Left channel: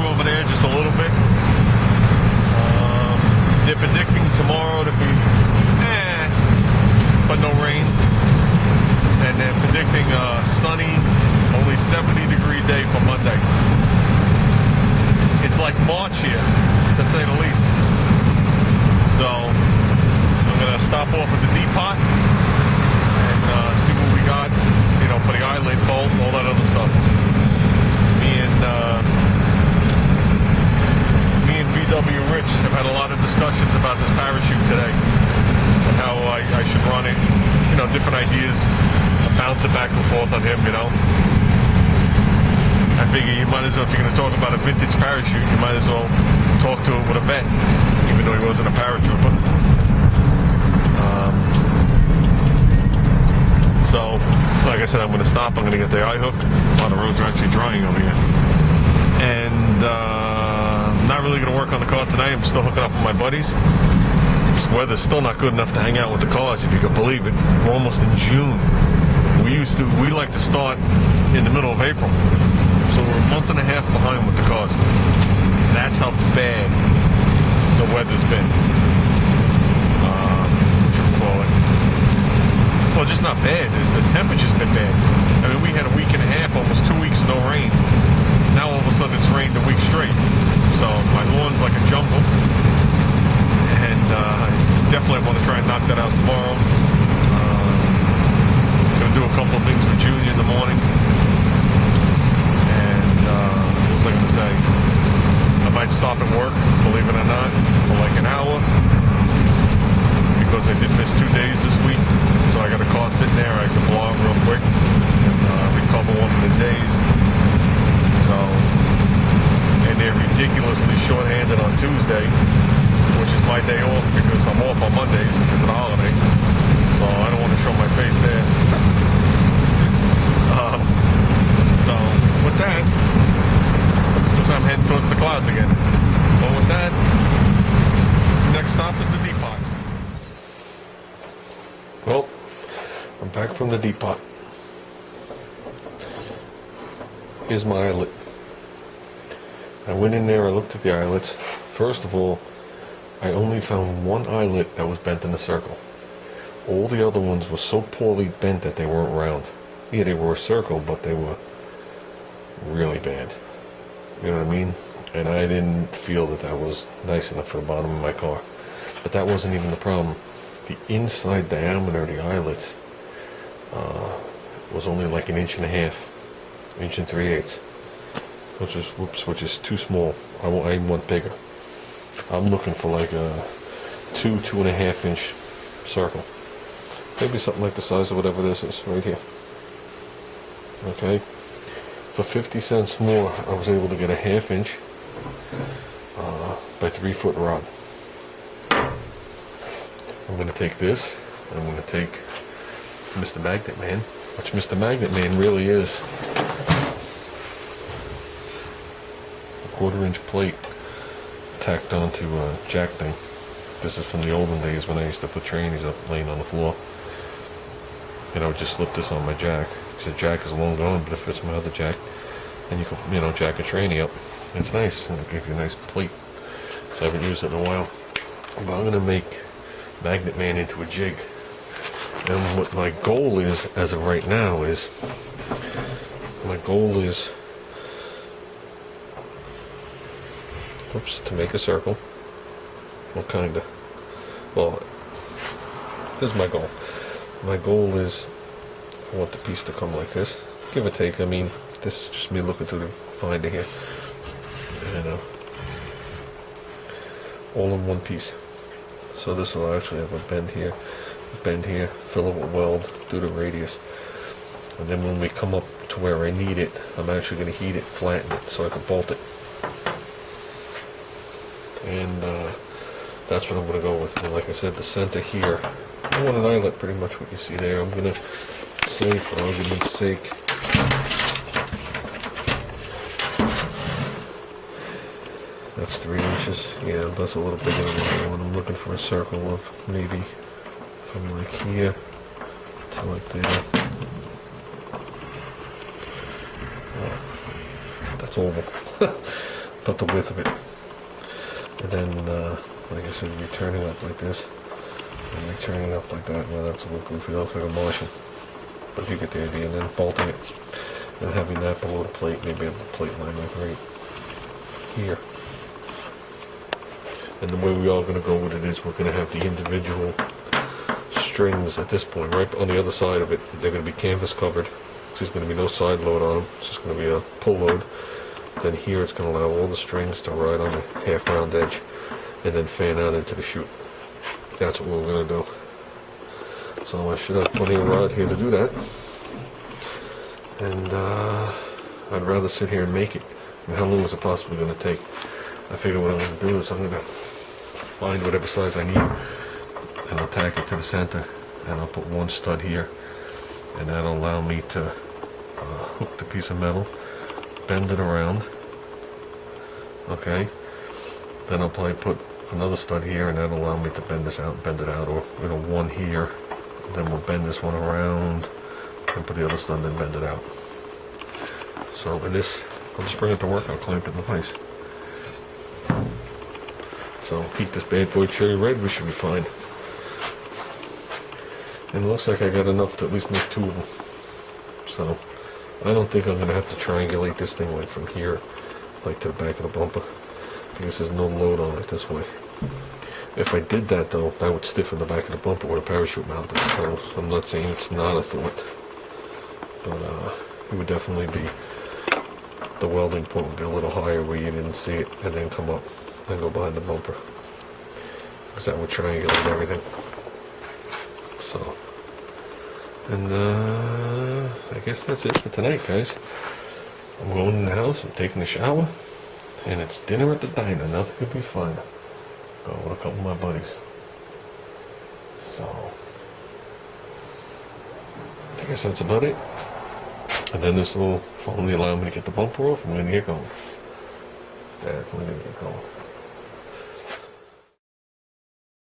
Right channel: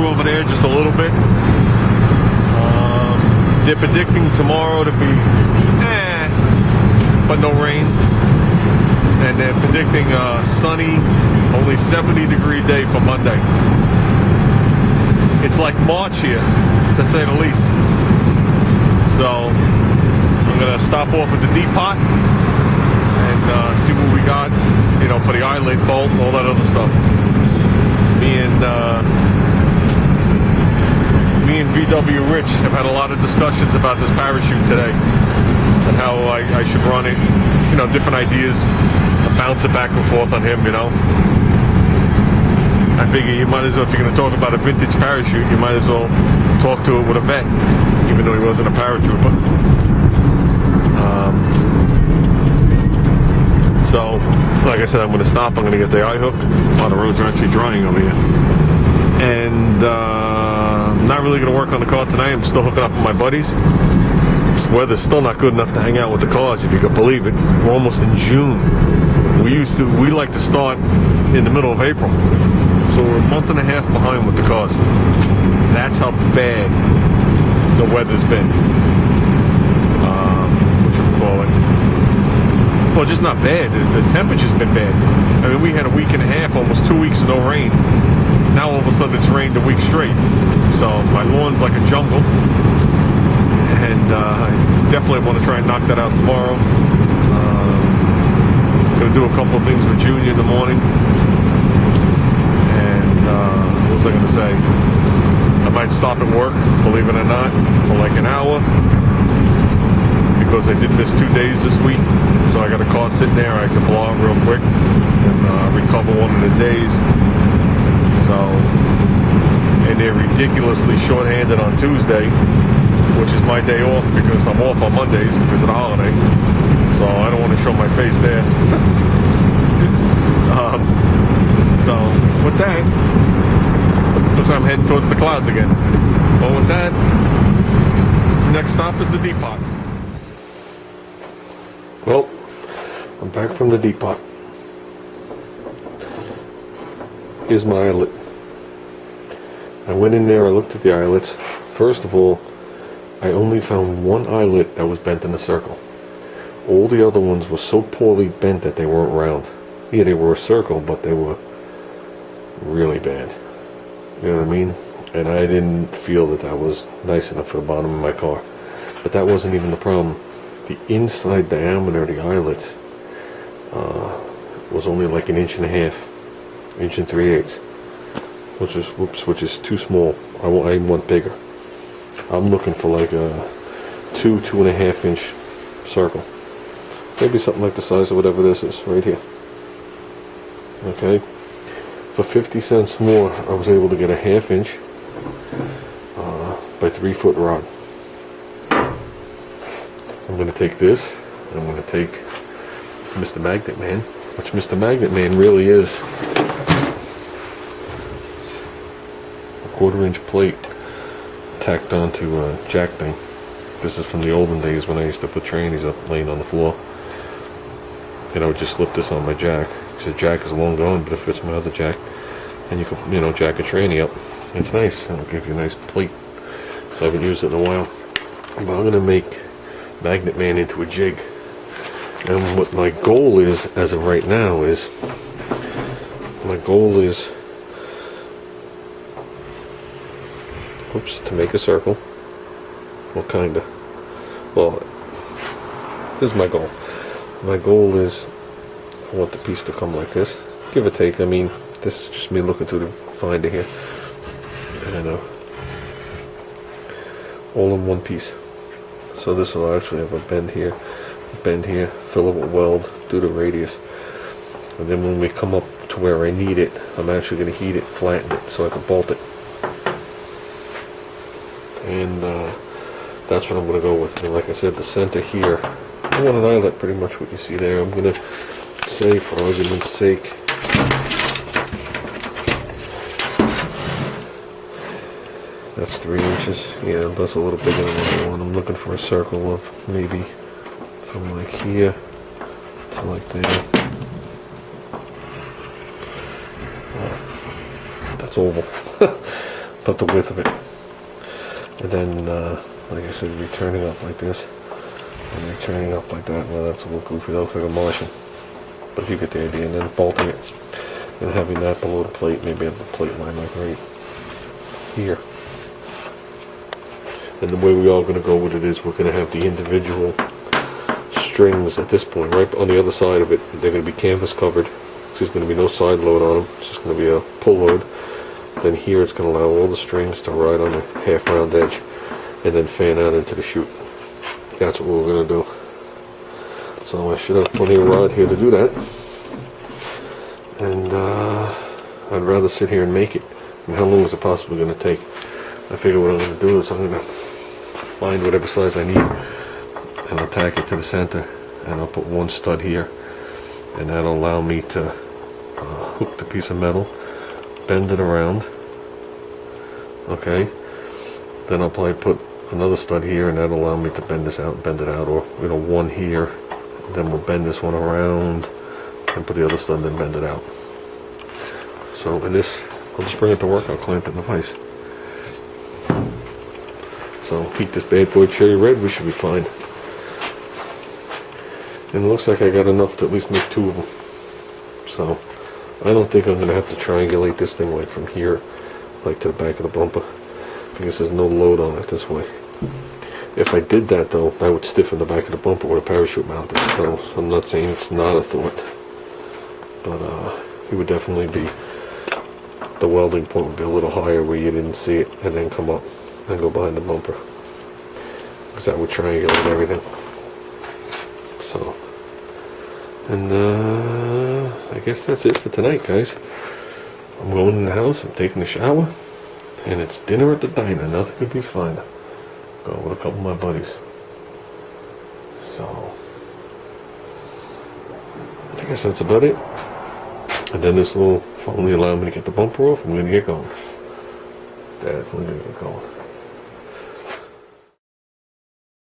through over there just a little bit. They're predicting tomorrow to be but no rain. And they're predicting a sunny, only 70-degree day for Monday. It's like March here, to say the least. So I'm gonna stop off at the depot and see what we got, you know, for the eyelid bolt and all that other stuff. Me and VW Rich have had a lot of discussions about this parachute today and how I should run it. You know, different ideas. I bounce it back and forth on him, you know. I figure you might as well, if you're going to talk about a vintage parachute, you might as well talk to it with a vet, even though he wasn't a paratrooper. So, like I said, I'm going to stop. I'm going to get the eye hook. A lot of roads are actually drying over here. And I'm not really going to work on the car tonight. I'm still hooking up with my buddies. This weather's still not good enough to hang out with the cars, if you could believe it. We're almost in June. We like to start in the middle of April. So we're a month and a half behind with the cars. That's how bad the weather's been. What should we call it? Well, just not bad. The temperature's been bad. I mean, we had a week and a half, almost 2 weeks of no rain. Now all of a sudden it's rained a week straight. So my lawn's like a jungle. And I definitely want to try and knock that out tomorrow. Gonna do a couple of things with Junior in the morning. And what was I gonna say? I might stop at work, believe it or not, for like an hour. Because I did miss 2 days this week. So I got a car sitting there, I have to blog real quick. And recover one of the days. So, and they're ridiculously short-handed on Tuesday, which is my day off because I'm off on Mondays because of the holiday. So I don't want to show my face there. So with that, looks like I'm heading towards the clouds again. But with that, next stop is the depot. Well, I'm back from the depot. Here's my eyelet. I went in there, I looked at the eyelets. First of all, I only found one eyelet that was bent in a circle. All the other ones were so poorly bent that they weren't round. Yeah, they were a circle, but they were really bad. You know what I mean? And I didn't feel that that was nice enough for the bottom of my car. But that wasn't even the problem. The inside diameter of the eyelets was only like 1.5 inches, 1 3/8, which is too small. I want bigger. I'm looking for like a 2.5 inch circle. Maybe something like the size of whatever this is right here. Okay. For 50 cents more, I was able to get a 1/2 inch by 3 foot rod. I'm going to take this, and I'm going to take Mr. Magnet Man, which Mr. Magnet Man really is a 1/4 inch plate tacked onto a jack thing. This is from the olden days when I used to put trannies up laying on the floor. And I would just slip this on my jack. The jack is long gone, but it fits my other jack. And you can, you know, jack a tranny up. It's nice. It'll give you a nice plate. So I haven't used it in a while. But I'm going to make Magnet Man into a jig. And what my goal is, as of right now, is to make a circle. Well, kinda. Well, this is my goal. My goal is, I want the piece to come like this, give or take. I mean, this is just me looking through the finder here, and all in one piece. So this will actually have a bend here, fill it with weld, do the radius, and then when we come up to where I need it, I'm actually going to heat it, flatten it, so I can bolt it. And that's what I'm going to go with. And like I said, the center here, I want an eyelet, pretty much what you see there. I'm going to say, for argument's sake, that's 3 inches. Yeah, that's a little bigger than what I want. I'm looking for a circle of maybe from like here to like there. That's oval. But about the width of it. And then, like I said, returning up like this, and returning up like that. Well, that's a little goofy. That looks like a Martian. But you get the idea. And then bolting it, and having that below the plate. Maybe have the plate line like right here. And the way we are going to go with it is we're going to have the individual strings at this point, right on the other side of it. They're going to be canvas covered. There's just going to be no side load on them. It's just going to be a pull load. Then here it's going to allow all the strings to ride on the half round edge and then fan out into the chute. That's what we're going to do. So I should have plenty of rod here to do that. And I'd rather sit here and make it. I mean, how long is it possibly going to take? I figure what I'm going to do is I'm going to find whatever size I need and attack it to the center, and I'll put one stud here, and that'll allow me to hook the piece of metal, bend it around, okay, then I'll probably put another stud here, and that'll allow me to bend this out and bend it out, or one here, then we'll bend this one around and put the other stud and then bend it out. So in this, I'll just bring it to work, I'll clamp it in the vise. So keep this bad boy cherry red, we should be fine. And it looks like I got enough to at least make 2 of them. So I don't think I'm going to have to triangulate this thing like from here, like to the back of the bumper, because there's no load on it this way. If I did that though, I would stiffen the back of the bumper with a parachute mounted. So I'm not saying it's not a thought, but it would definitely be, the welding point would be a little higher where you didn't see it and then come up and go behind the bumper, because that would triangulate everything. So, and I guess that's it for tonight, guys. I'm going in the house, I'm taking a shower, and it's dinner at the diner. Nothing could be finer. Go with a couple of my buddies. So, I guess that's about it. And then this will finally allow me to get the bumper off. I'm going to get going. Definitely going to get going.